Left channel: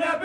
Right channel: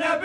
زینب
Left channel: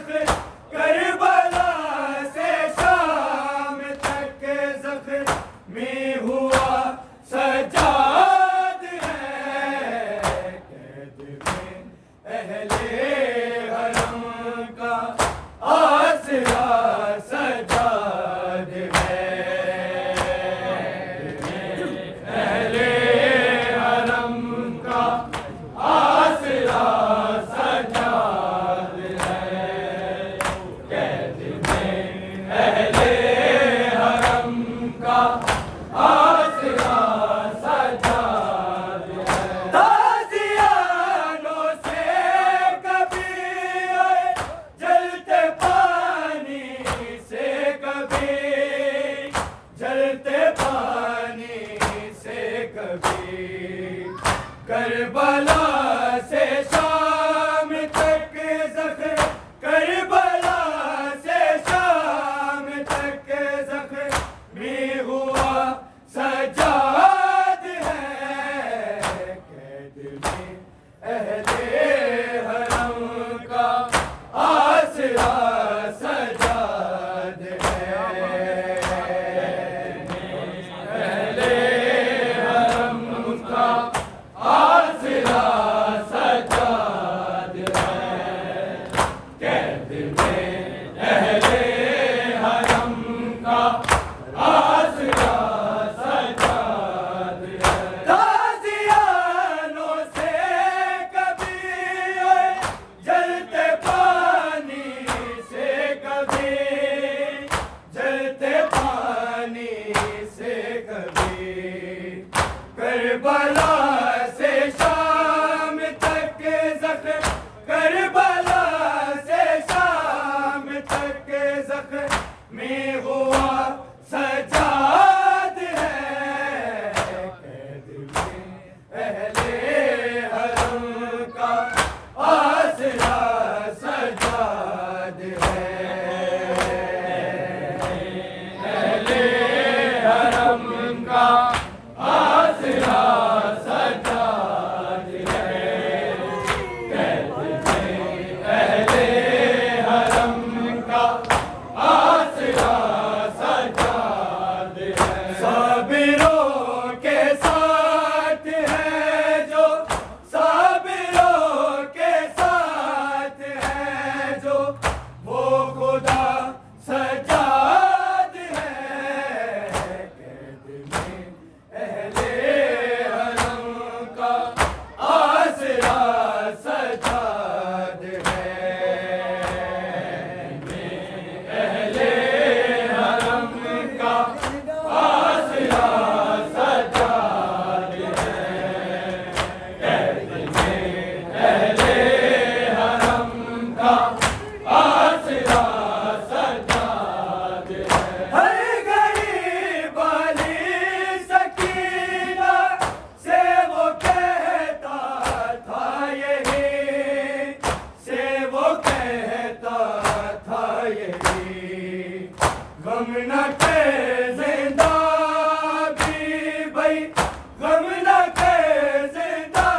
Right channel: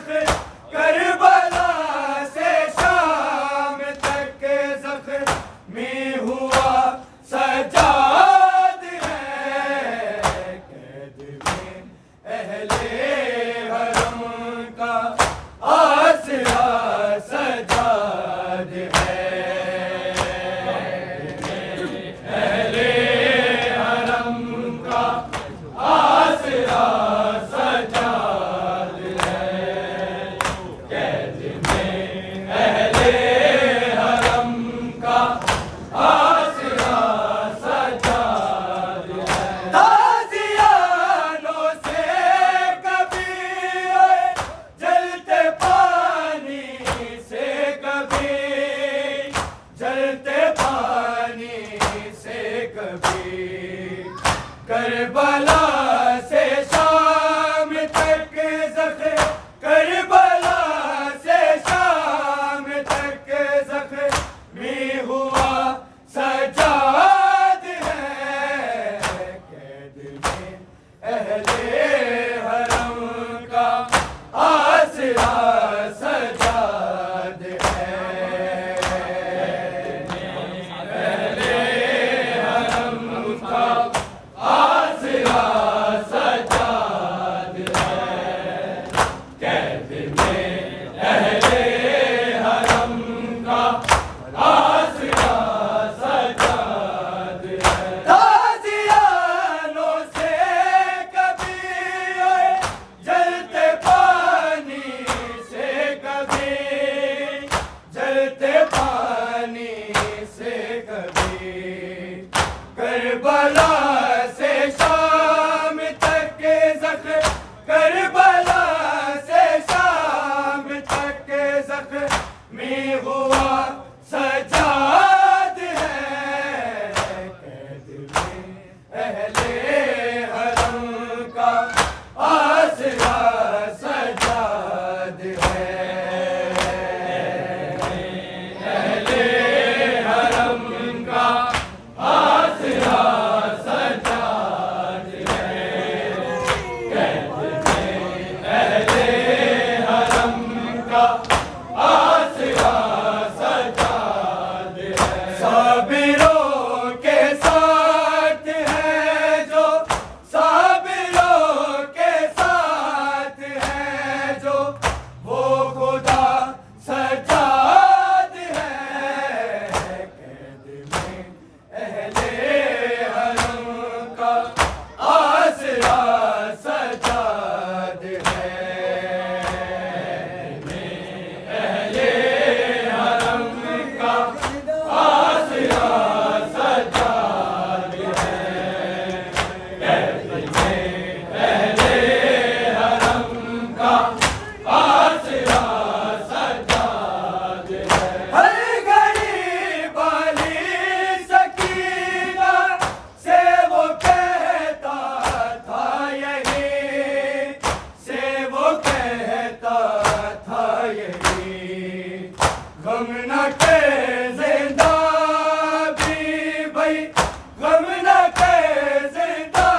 زخر کربلا سے شام تک زخمی ہوا سجاد ہے، قید میں اہل حرم کا آسرا سجاد ہے، اہل حرم کا آسرا سجاد ہے، قید میں اہل حرم کا آسرا سجاد ہے۔ تازیانوں سے کبھی آئے جلتے پانی سے، کبھی جلتے پانی سے، کبھی کربلا سے شام تک زخر، کربلا سے شام تک زخمی ہوا سجاد ہے، قید میں اہل حرم کا آسرا سجاد ہے، اہل حرم کا آسرا سجاد ہے، قید میں اہل حرم کا آسرا سجاد ہے۔ تازیانوں سے کبھی آئے جلتے پانی سے، کبھی جلتے پانی سے، کبھی کربلا سے شام تک زخر، کربلا سے شام تک زخمی ہوا سجاد ہے، قید میں اہل حرم کا آسرا سجاد ہے، اہل حرم کا آسرا سجاد ہے، قید میں اہل حرم کا آسرا سجاد ہے۔ صابروں کے ساتھ ہے جو، صابروں کے ساتھ ہے جو، وہ خدا سجاد ہے، قید میں اہل حرم کا آسرا سجاد ہے، اہل حرم کا آسرا سجاد ہے، قید میں اہل حرم کا آسرا سجاد ہے۔ ہر غریب والی سکینہ سے وہ کہتا تھا یہی، سے وہ کہتا تھا یہی، غم نہ کر زندہ بھی بھائی، غم نہ کر زندہ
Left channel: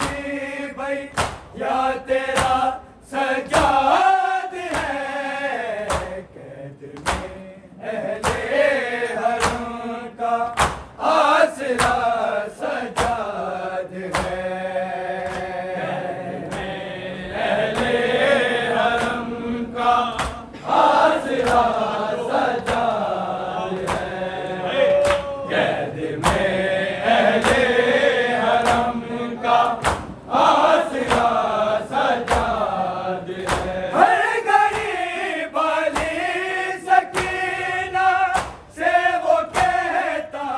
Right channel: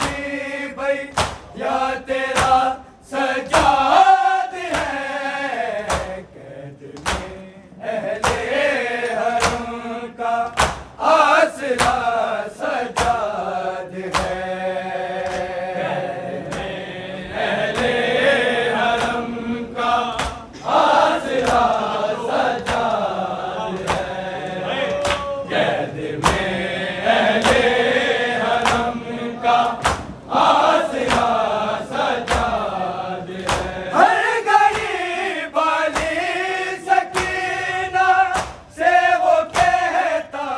بھی بھائی، یا تیرا سجاد ہے، قید میں اہل حرم کا آسرا سجاد ہے، اہل حرم کا آسرا سجاد ہے، قید میں اہل حرم کا آسرا سجاد ہے۔ ہر غریب والی سکینہ سے وہ کہتا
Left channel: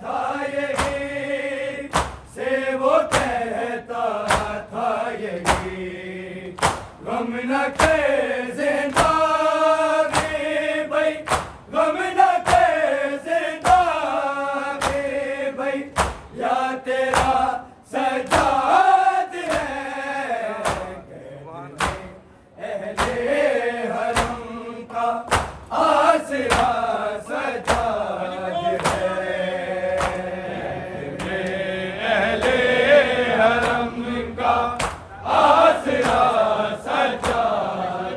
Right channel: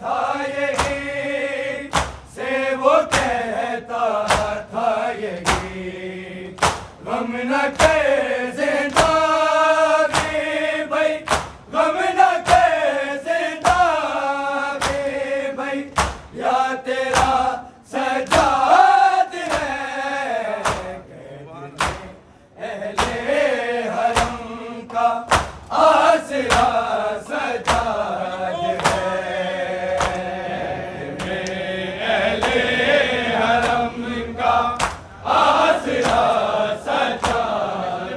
تھا یہی، سے وہ کہتا تھا یہی، غم نہ کر زندہ بھی بھائی، غم نہ کر زندہ بھی بھائی، یا تیرا سجاد ہے، قید میں اہل حرم کا آسرا سجاد ہے، اہل حرم کا آسرا سجاد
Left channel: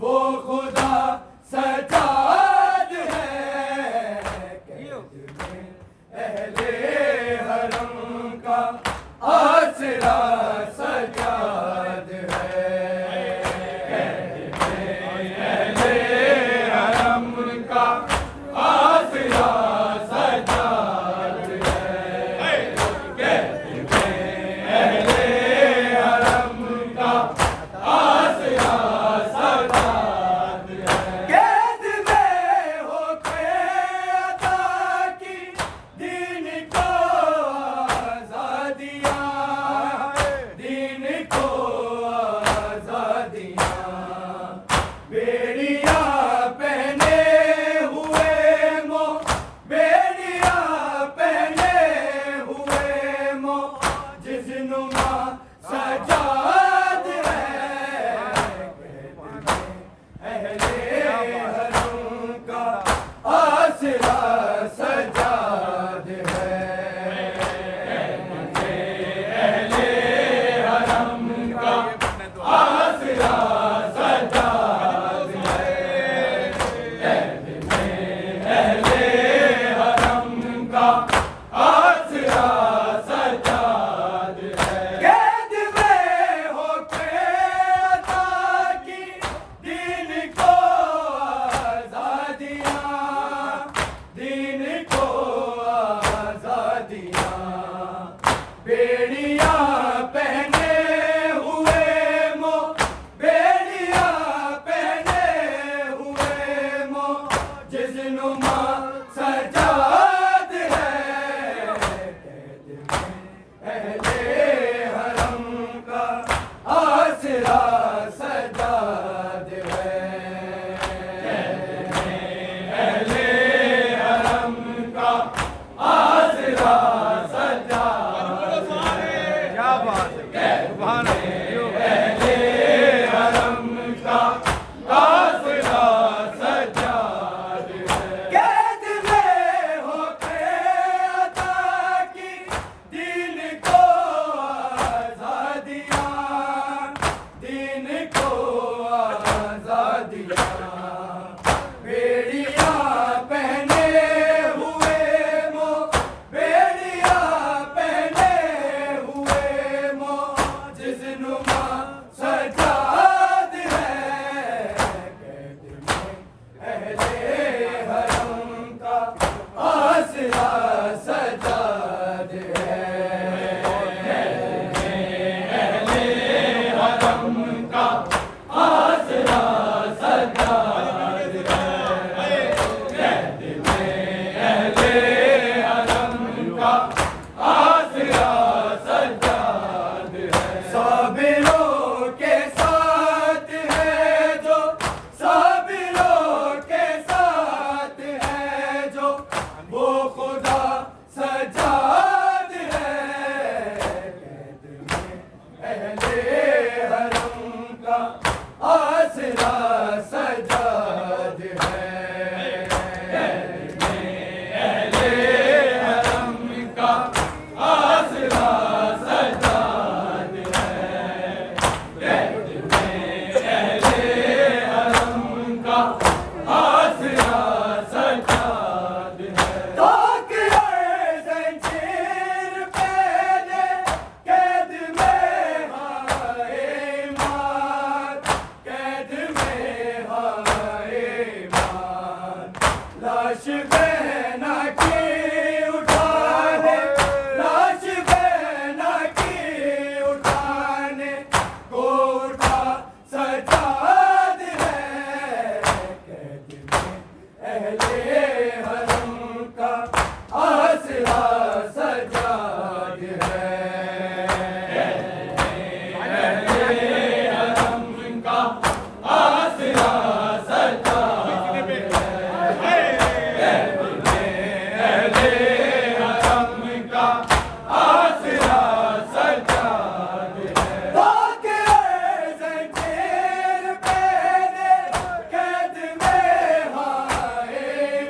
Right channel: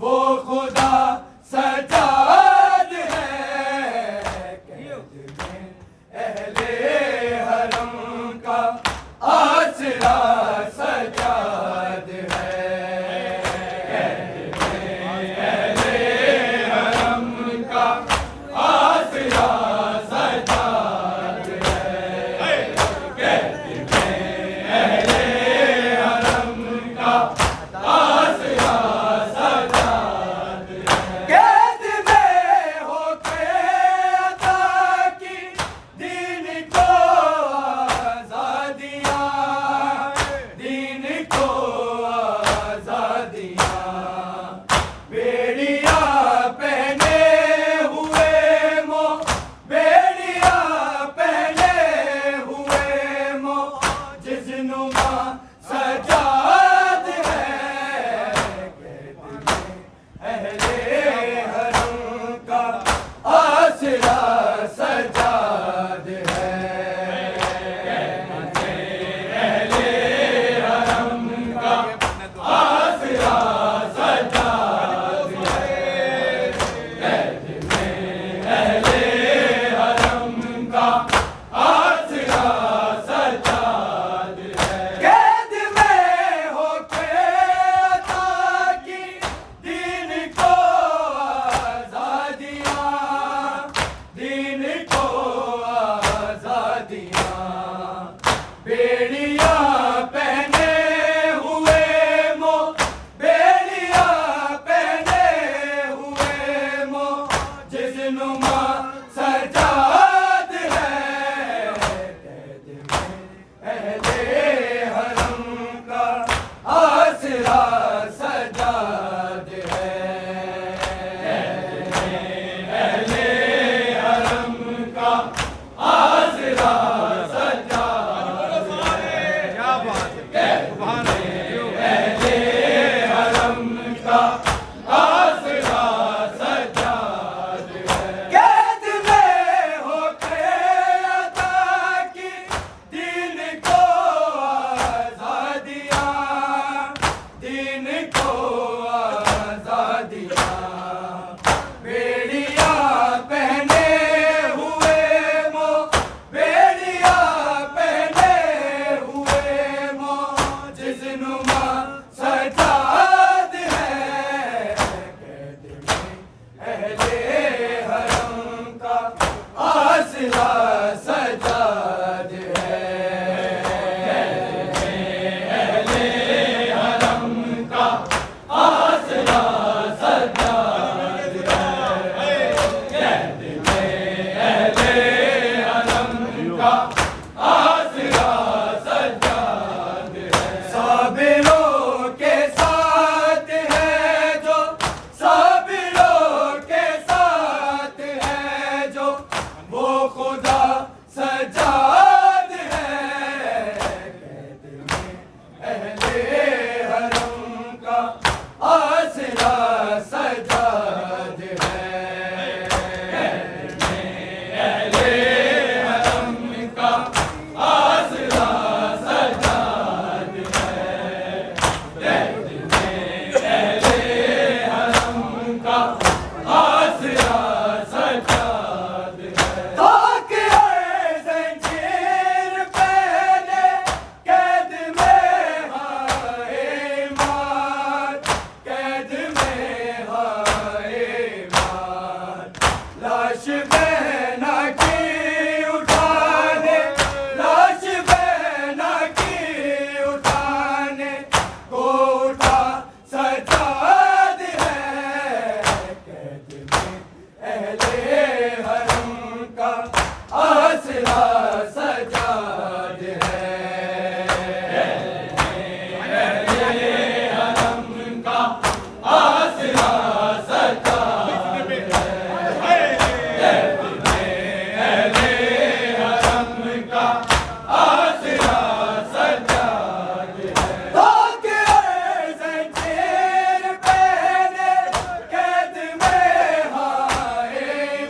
وہ خدا سجاد ہے، قید میں اہل حرم کا آسرا سجاد ہے، قید میں اہل حرم کا آسرا سجاد ہے، قید میں اہل حرم کا آسرا سجاد ہے، قید میں ہو کے عطا کی دین کو آزادیاں، دین کو آزادیاں، بیڑیاں پہنے ہوئے بیڑیاں پہنے ہوئے جس نما سجاد ہے، قید میں اہل حرم کا آسرا سجاد ہے، قید میں اہل حرم کا آسرا سجاد ہے، قید میں اہل حرم کا آسرا سجاد ہے، قید میں ہو کے عطا کی دین کو آزادیاں، دین کو آزادیاں، بیڑیاں پہنے ہوئے بیڑیاں پہنے ہوئے جس نما سجاد ہے، قید میں اہل حرم کا آسرا سجاد ہے، قید میں اہل حرم کا آسرا سجاد ہے، کیا بات ہے، سبحان اللہ، اہل حرم کا آسرا سجاد ہے، قید میں ہو کے عطا کی دین کو آزادیاں، دین کو آزادیاں، بیڑیاں پہنے ہوئے بیڑیاں پہنے ہوئے جس نما سجاد ہے، قید میں اہل حرم کا آسرا سجاد ہے، قید میں اہل حرم کا آسرا سجاد ہے، قید میں اہل حرم کا آسرا سجاد ہے، صابروں کے ساتھ ہے جو، صابروں کے ساتھ ہے جو، وہ خدا سجاد ہے، قید میں اہل حرم کا آسرا سجاد ہے، قید میں اہل حرم کا آسرا سجاد ہے، قید میں اہل حرم کا آسرا سجاد ہے، تاک زنجیر پہنے قید میں ہائے مار، قید میں ہائے مار، لاش بہنا کی اٹھانے، لاش بہنا کی اٹھانے کو اٹھا سجاد ہے، قید میں اہل حرم کا آسرا سجاد ہے، قید میں اہل حرم کا آسرا سجاد ہے، قید میں اہل حرم کا آسرا سجاد ہے، تاکہ زنجیر پہنے قید میں ہائے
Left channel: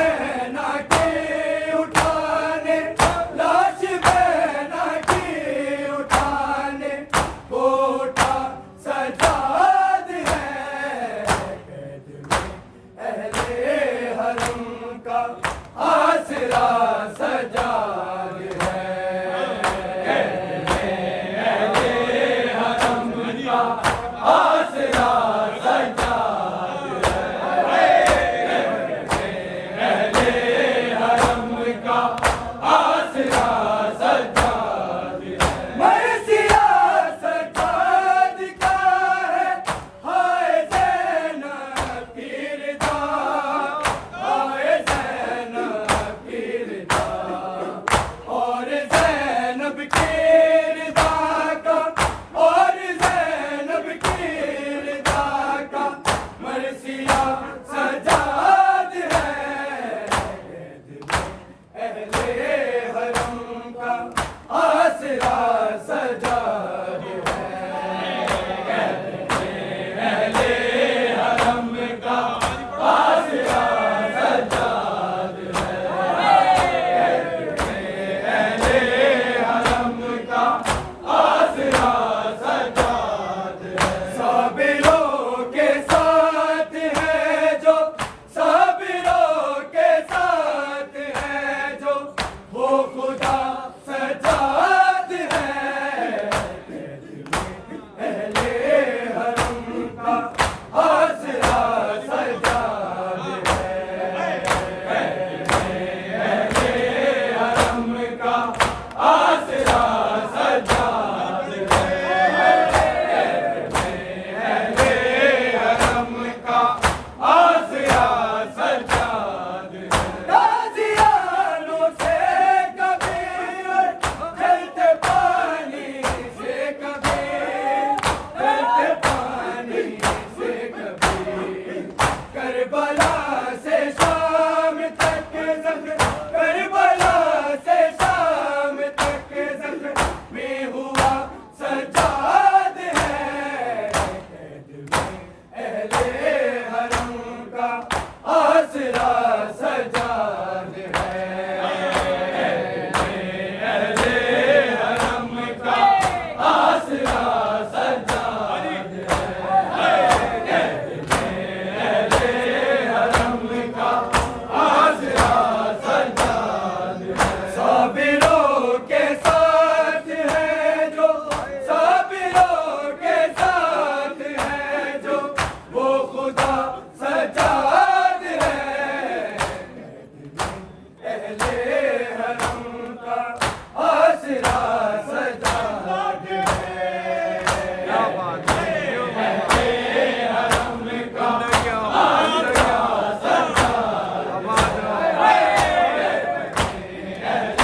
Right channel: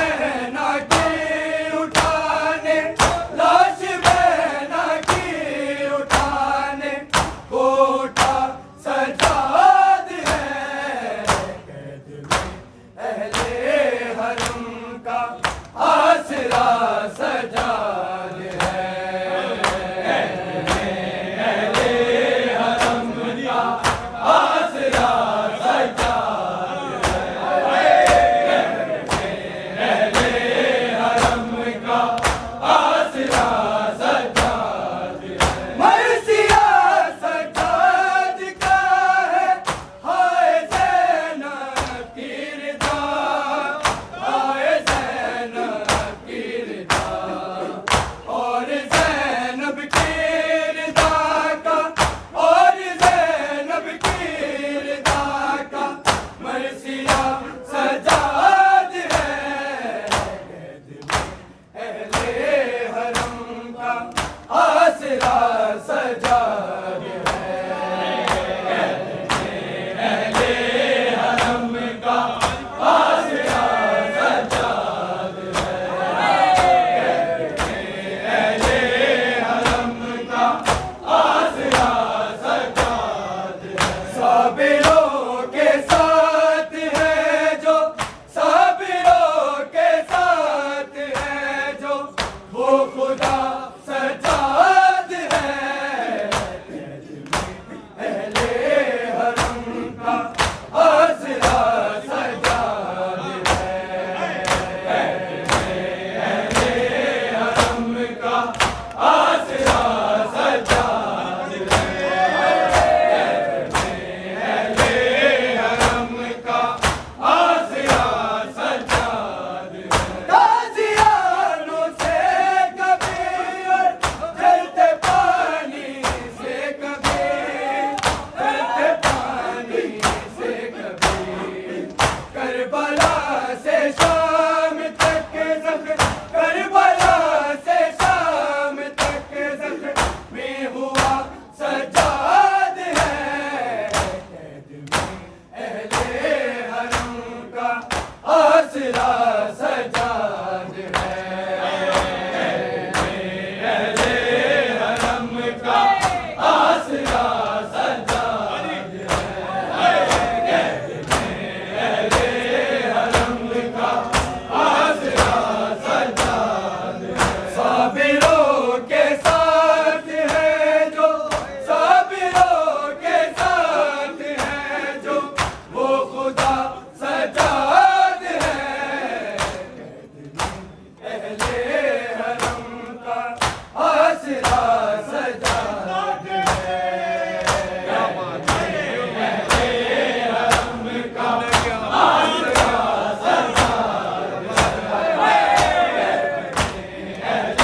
بہنا کی اٹھانے لاش بہنا کی اٹھانے کوٹا سجاد ہے قید میں اہل حرم کا آسرا سجاد ہے قید میں اہل حرم کا آسرا سجاد ہے اہل حرم کا آسرا سجاد ہے مرثیہ سجاد کا ہے ہائے زینب کی رضا ہائے زینب کی رضا اور زینب کی رضا کا اور زینب کی رضا کا مرثیہ سجاد ہے قید میں اہل حرم کا آسرا سجاد ہے قید میں اہل حرم کا آسرا سجاد ہے قید میں اہل حرم کا آسرا سجاد ہے صابروں کے ساتھ ہے جو صابروں کے ساتھ ہے جو وہ خدا سجاد ہے قید میں اہل حرم کا آسرا سجاد ہے قید میں اہل حرم کا آسرا سجاد ہے قید میں اہل حرم کا آسرا سجاد ہے تازیانوں سے کبھی اور جلتے پانی سے کبھی جلتے پانی سے کبھی کربلا سے شام تک زخم کربلا سے شام تک زخم میں ہوا سجاد ہے قید میں اہل حرم کا آسرا سجاد ہے قید میں اہل حرم کا آسرا سجاد ہے قید میں اہل حرم کا آسرا سجاد ہے صابروں کے ساتھ ہے جو صابروں کے ساتھ ہے جو وہ خدا سجاد ہے قید میں اہل حرم کا آسرا سجاد ہے کیا بات ہے اہل حرم کا کیا آسرا آواز اہل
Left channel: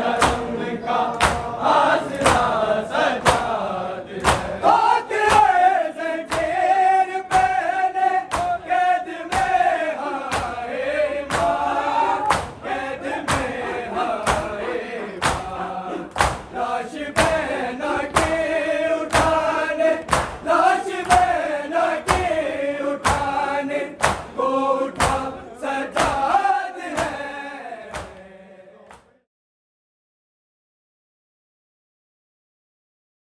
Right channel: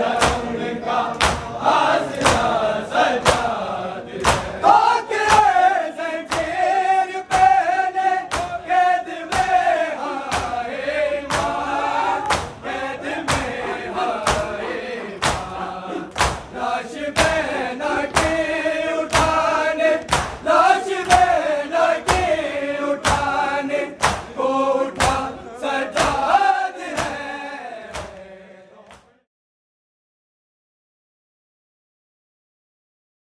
حرم کا آسرا سجاد ہے خاطر زنجیر پہنے قید میں ہائے ماں قید میں ہائے ماں لاش بہنا